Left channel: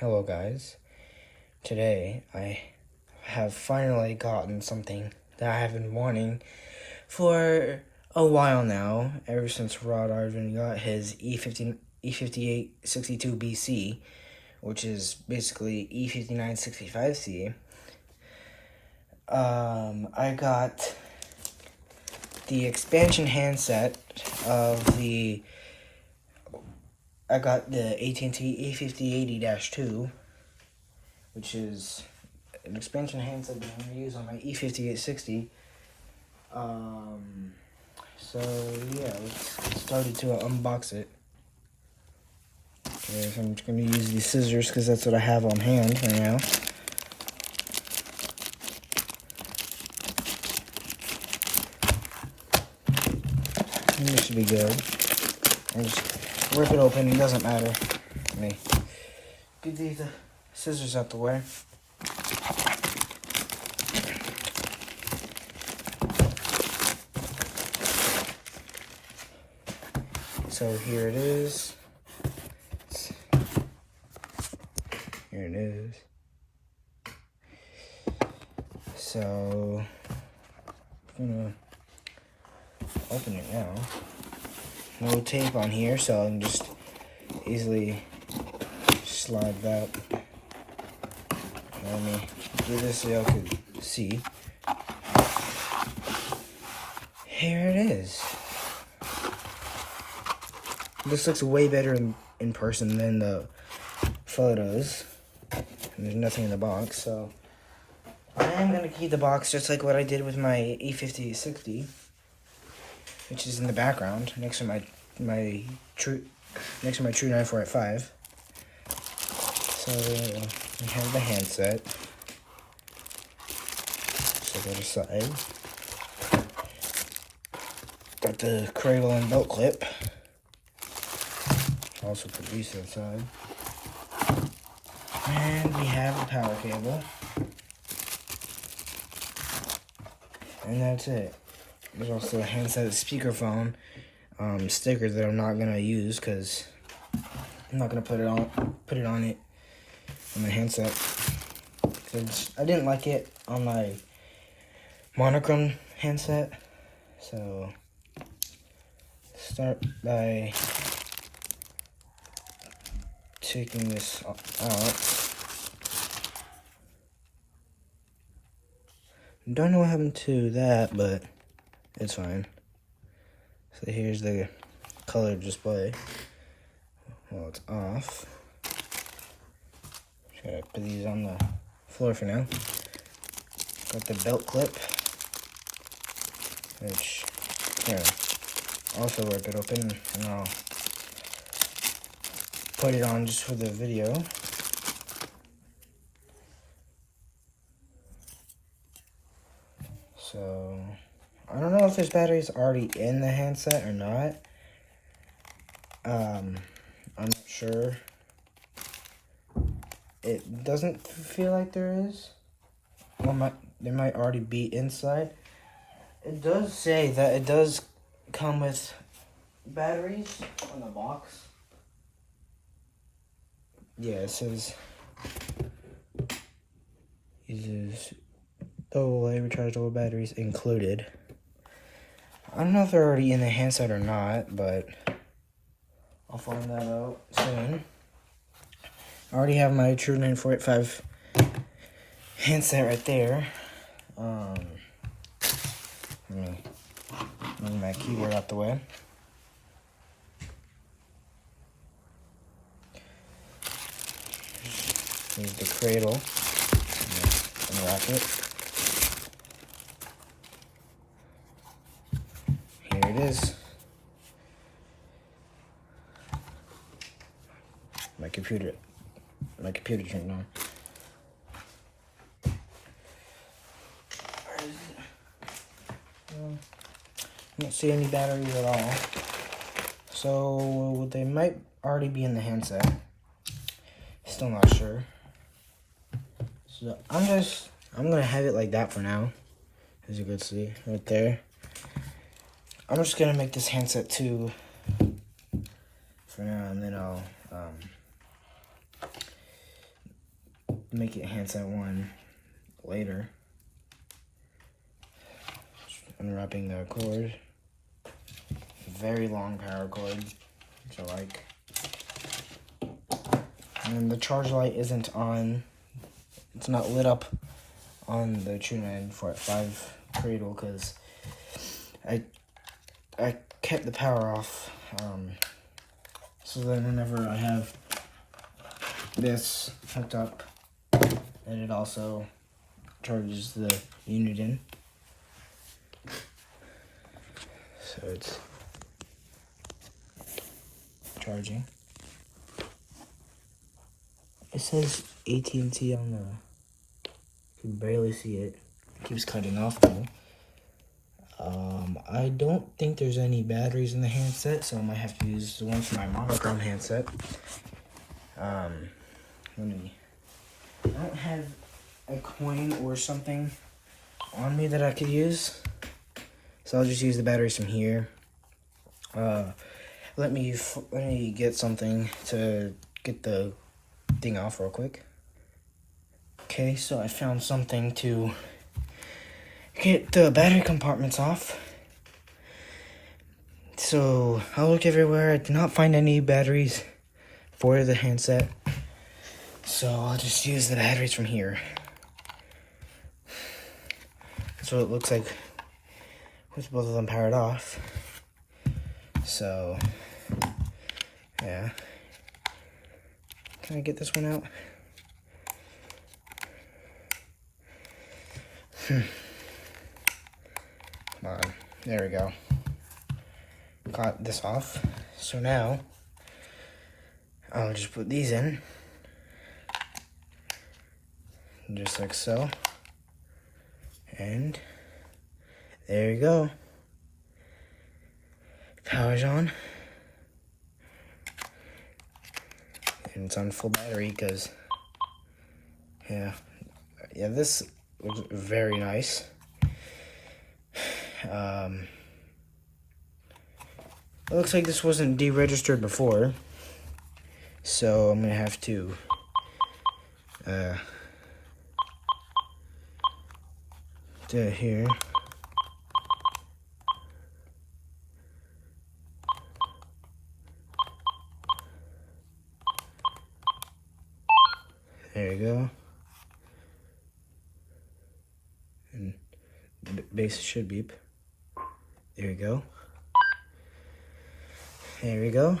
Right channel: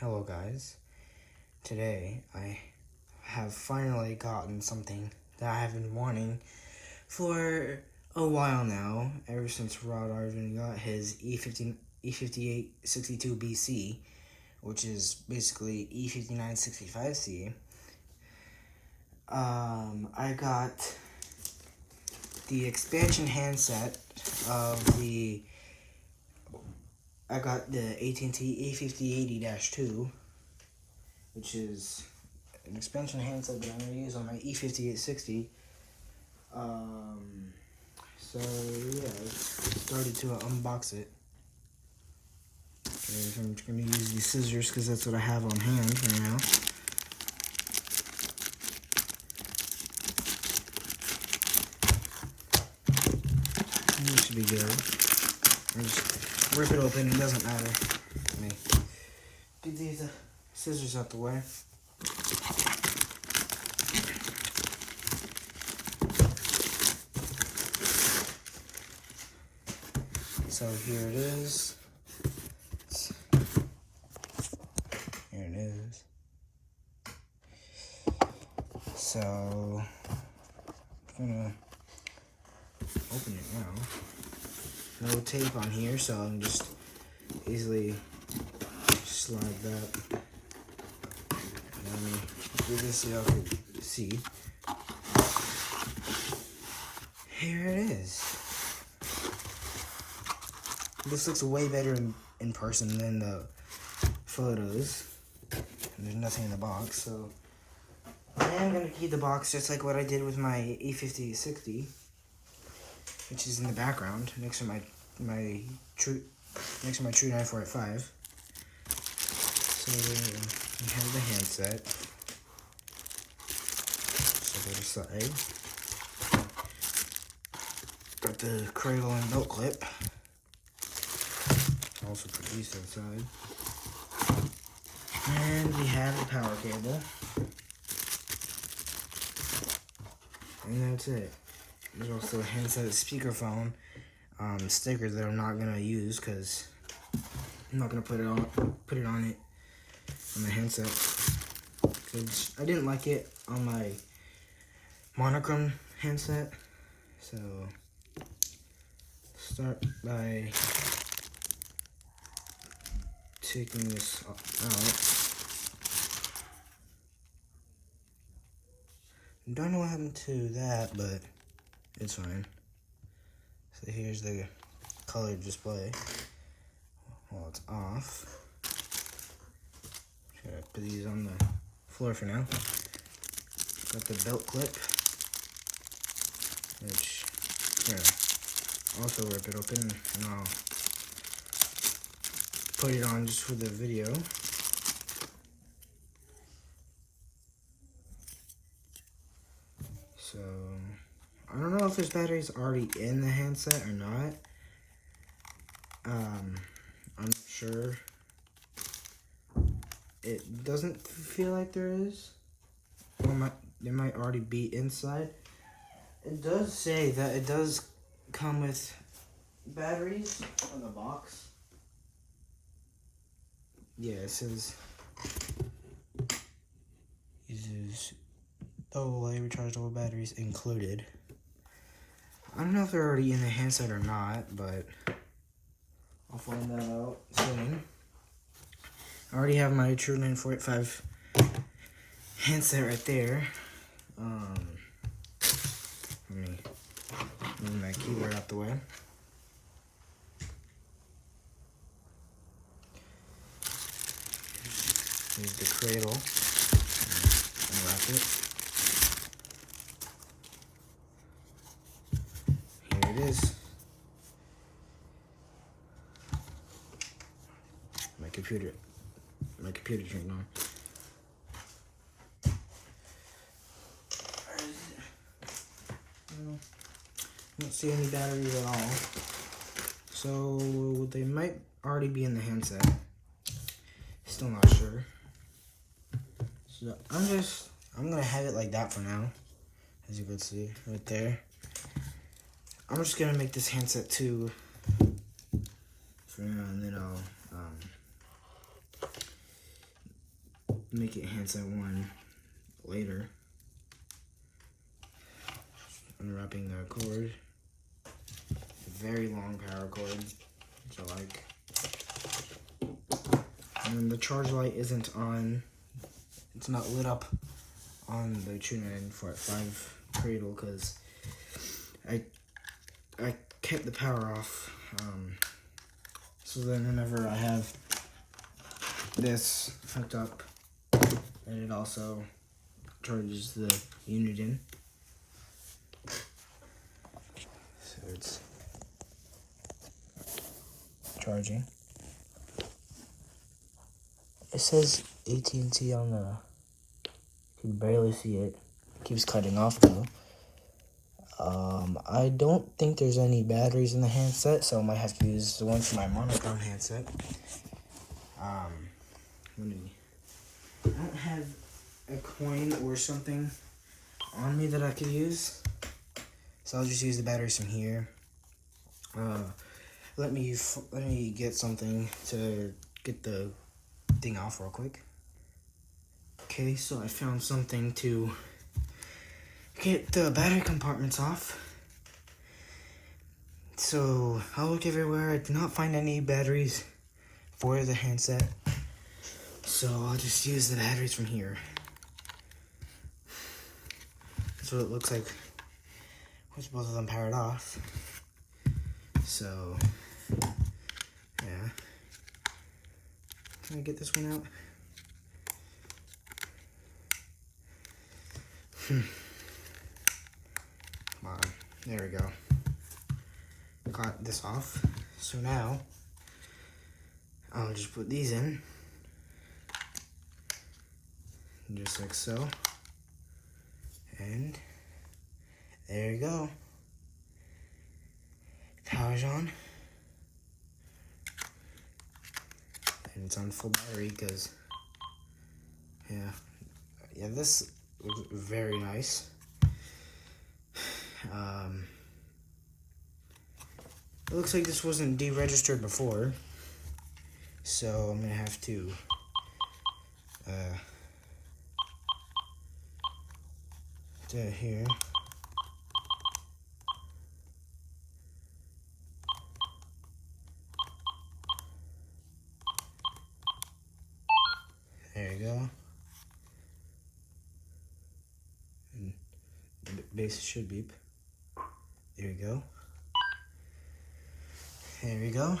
Hello guys. Today I have finally gotten something that I have been wanting for a while now, ever since Ardvn got his E580-2 BC, which is basically E5965C. I got the expansion handset of the AT&T E580-2, which is an expansion handset that I'm going to use on my E5860. So yeah, let's start to unbox it. Okay, so I'm just going to use these scissors because that's what I have on hand right now. And this should be good. I'll just rip it open, it doesn't matter. Let me get these scissors out the way. So here it is. Here it is. So I'm gonna open it now. No tape on here, so I can just easily slide that. Let me do this so y'all can see. Here it is. This looks way better in person than the photos. And there's nothing in the box, so I am gonna keep the box just like what I did with my E5060, which is in the background next to my true 9485. So we have the handset. So go aside. Got the cradle and belt clip. Also put these to the side. And we have the power cable. And that's it. There's also a handset speakerphone sticker that I'm not gonna use because I'm not gonna put it on my handset. I didn't like it on my monochrome handset. So start by taking this out. Don't know what happened to that, but it's fine. So here's the color display. Well, it's off. Just gotta put these on the floor for now. Got the belt clip, which here, also rip it open, and I'll put it on just for the video. So I don't know if this battery's already in the handset or not. I'm not sure. It doesn't feel like there is. Well, there might already be inside. It does say that it does come with batteries on the box. Yeah, it says uses AA rechargeable batteries included. I don't know if they're already in the handset or not, but I'll find that out soon. I already have my true 9485 handset right there. Let me move my keyboard out the way. Here's the cradle. Unwrap it. Here it is. My computer turned on. Where is it? I don't see any batteries at all. So they might already be in the handset. Still not sure. So I'm gonna have it like that for now. As you can see right there. I'm just gonna make this handset 2 for now, and then I'll make it handset 1 later. Unwrapping the cord. Very long power cord, which I like. And then the charge light isn't on. It's not lit up on the True 945 cradle because I kept the power off. So then whenever I have this hooked up, and it also charges the unit in. So it's charging. It says AT&T on the, you can barely see it. It keeps cutting off though. I don't think there's any batteries in the handset, so I might have to use the one from my monochrome handset. I don't have a coin or something on me that I could use, so I'll just use the batteries from here. Let me get something to get the thing off real quick. Okay, so I found something to get the battery compartments off. So I look everywhere. I did not find any batteries for the handset, so I'll just use the batteries from here. So it looks like with both of them powered off. So yeah, can I get this one out? Come on, there we go. Got this off. So now I'll just put these in, just like so, and there you go. Power's on, and it's on full battery because yeah, this looks very nice. It looks like this wasn't deregistered before, so I'm gonna have to do it here. There you go. And the base should beep. There you go. There we go.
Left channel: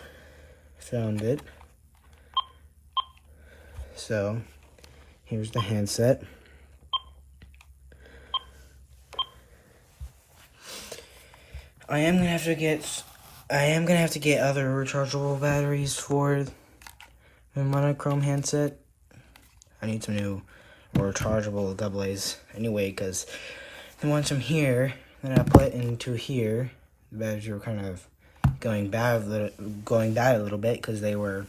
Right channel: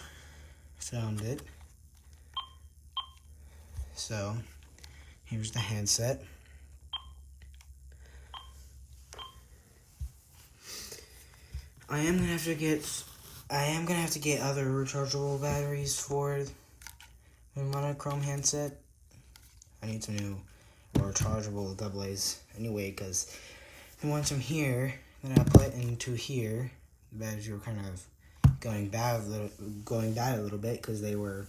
Found it. So here's the handset. I am gonna have to get other rechargeable batteries for the monochrome handset. I need some new rechargeable AA's anyway, because the ones from here that I put into here, the batteries were kind of going bad a little bit because they were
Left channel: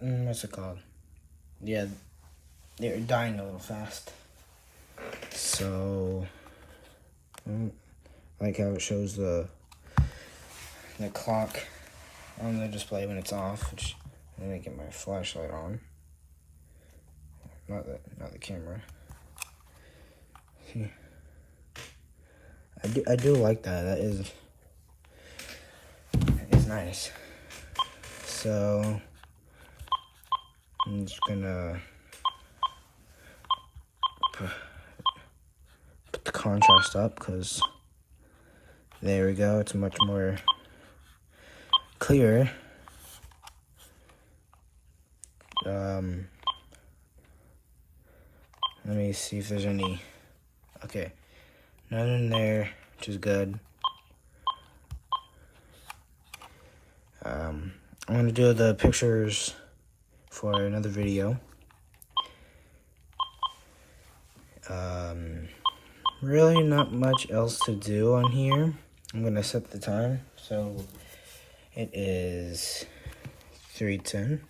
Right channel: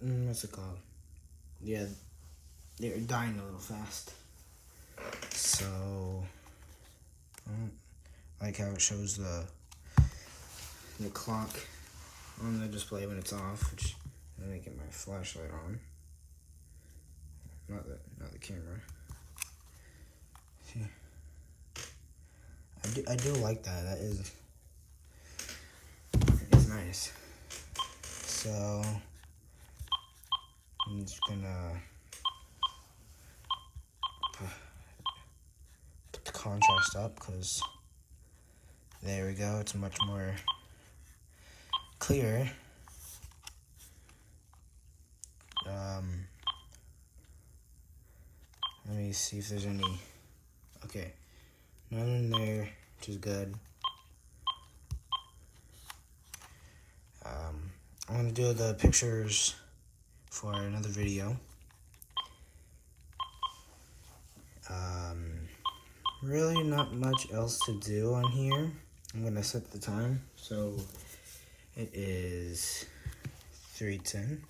what's it called? Yeah, they were dying a little fast. So I like how it shows the clock on the display when it's off, which I'm gonna get my flashlight on. Not the camera. See, I do like that. That is nice. So I'm just gonna put the contrast up because there we go. It's much more clear. Let me see if there's any. Okay, none in there, which is good. I'm gonna do the pictures for another video. Really not much else to do on here. I'm gonna set the time, so it is 3:10.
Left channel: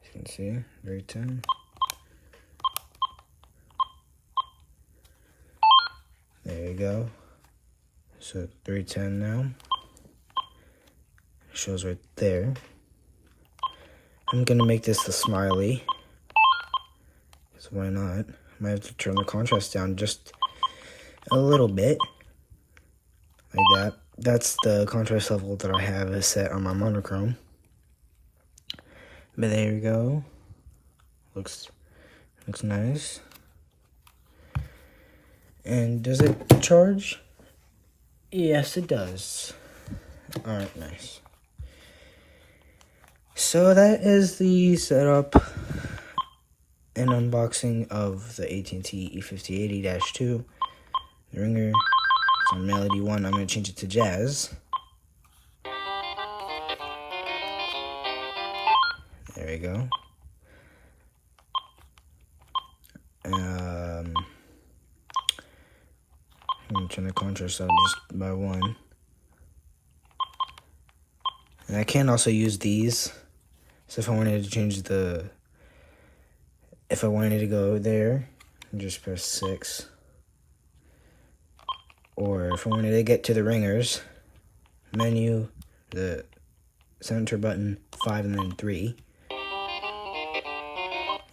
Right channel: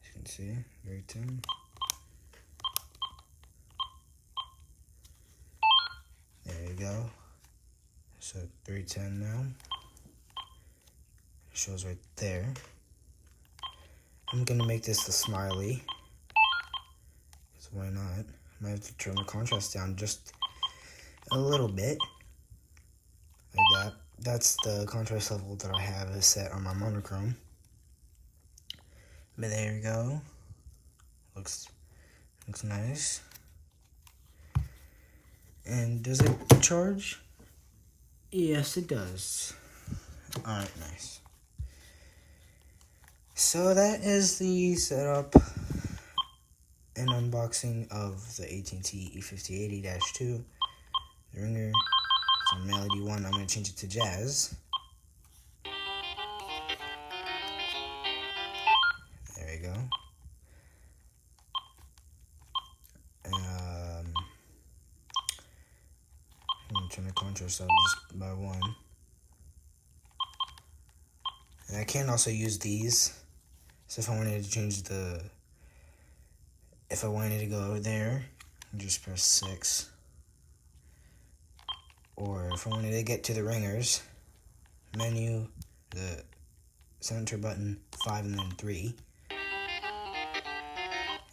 As you can see, 3:10. There you go. So 3:10 now. It shows right there. I'm gonna make this the smiley. So why not? I might have to turn the contrast down just a little bit. Like that. That's the contrast level that I have set on my monochrome. But there you go. Looks nice. And does it charge? Yes, it does. Alright, nice. So that is the setup and unboxing of the AT&T E580-2. The ringer, it's on Melody 1. I'm going to change it to Jazz. There we go. I'm going to turn the contrast up just by 1. And I can also use these. So if I wanted to change if I wanted to go there, just press 6. Or if I wanted to get to the ringers, menu, the center button, 5 and then 3.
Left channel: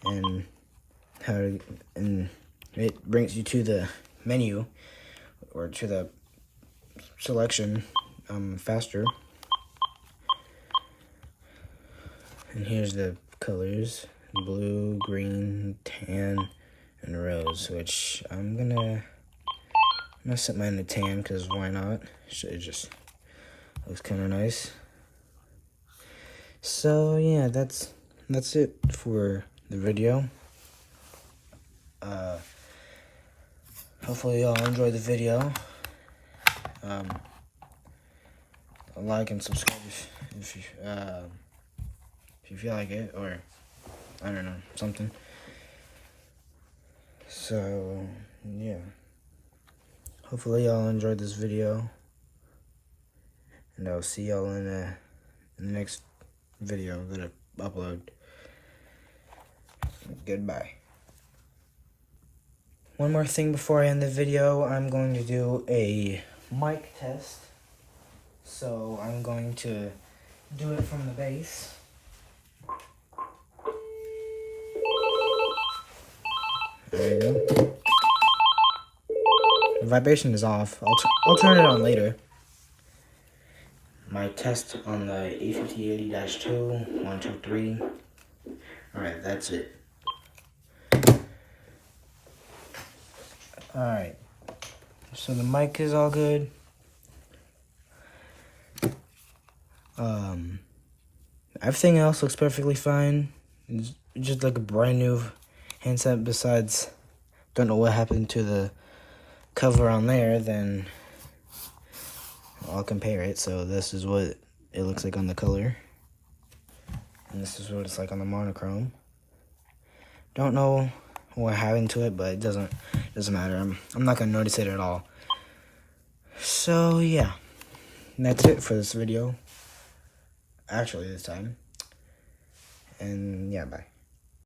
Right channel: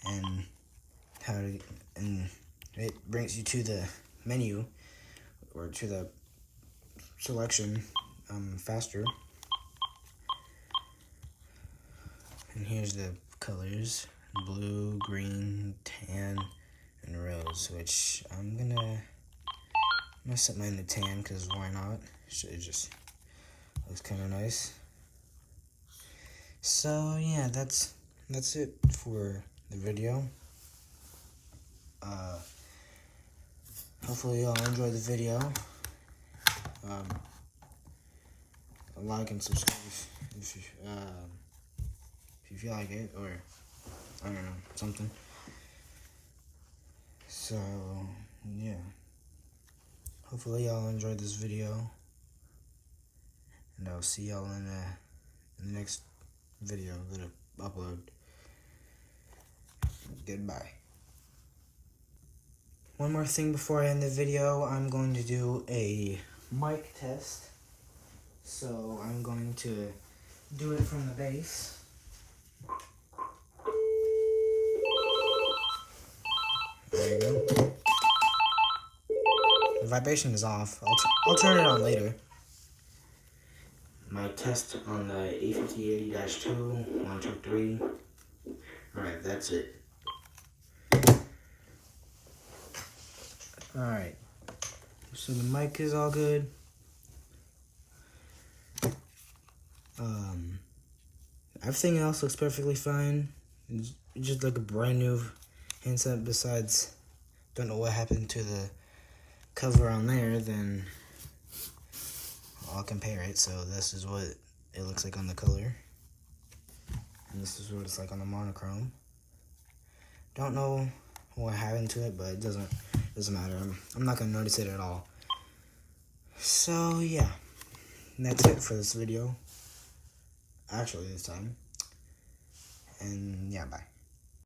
And it brings you to the menu, or to the selection faster. And here's the colors: blue, green, tan, and rose, which I'm gonna set mine to tan, because why not? It just looks kind of nice. So yeah, that's it for the video. Hopefully y'all enjoyed the video. Like and subscribe if you feel like it, or I don't know, something. So yeah, hopefully y'all enjoyed this video, and I'll see y'all in the next video that I upload. Goodbye. One more thing before I end the video, I'm going to do a mic test. So I'm going to do it from the base. There you go. The vibration is off. I'll turn it on later. My test on the E580-2, 1, 2, 3. Alright, that's it. Alright, so the mic is all good. Everything else looks perfectly fine. It's just like a brand new handset. Besides, don't know what happened to the cover on there. Then I'll compare it. So this is what it looks like on the color, and this is what it's like on the monochrome. Don't know what happened to it, but it doesn't matter. I'm not gonna notice it at all. So yeah, that's it for this video. Actually, this time. And yeah, bye.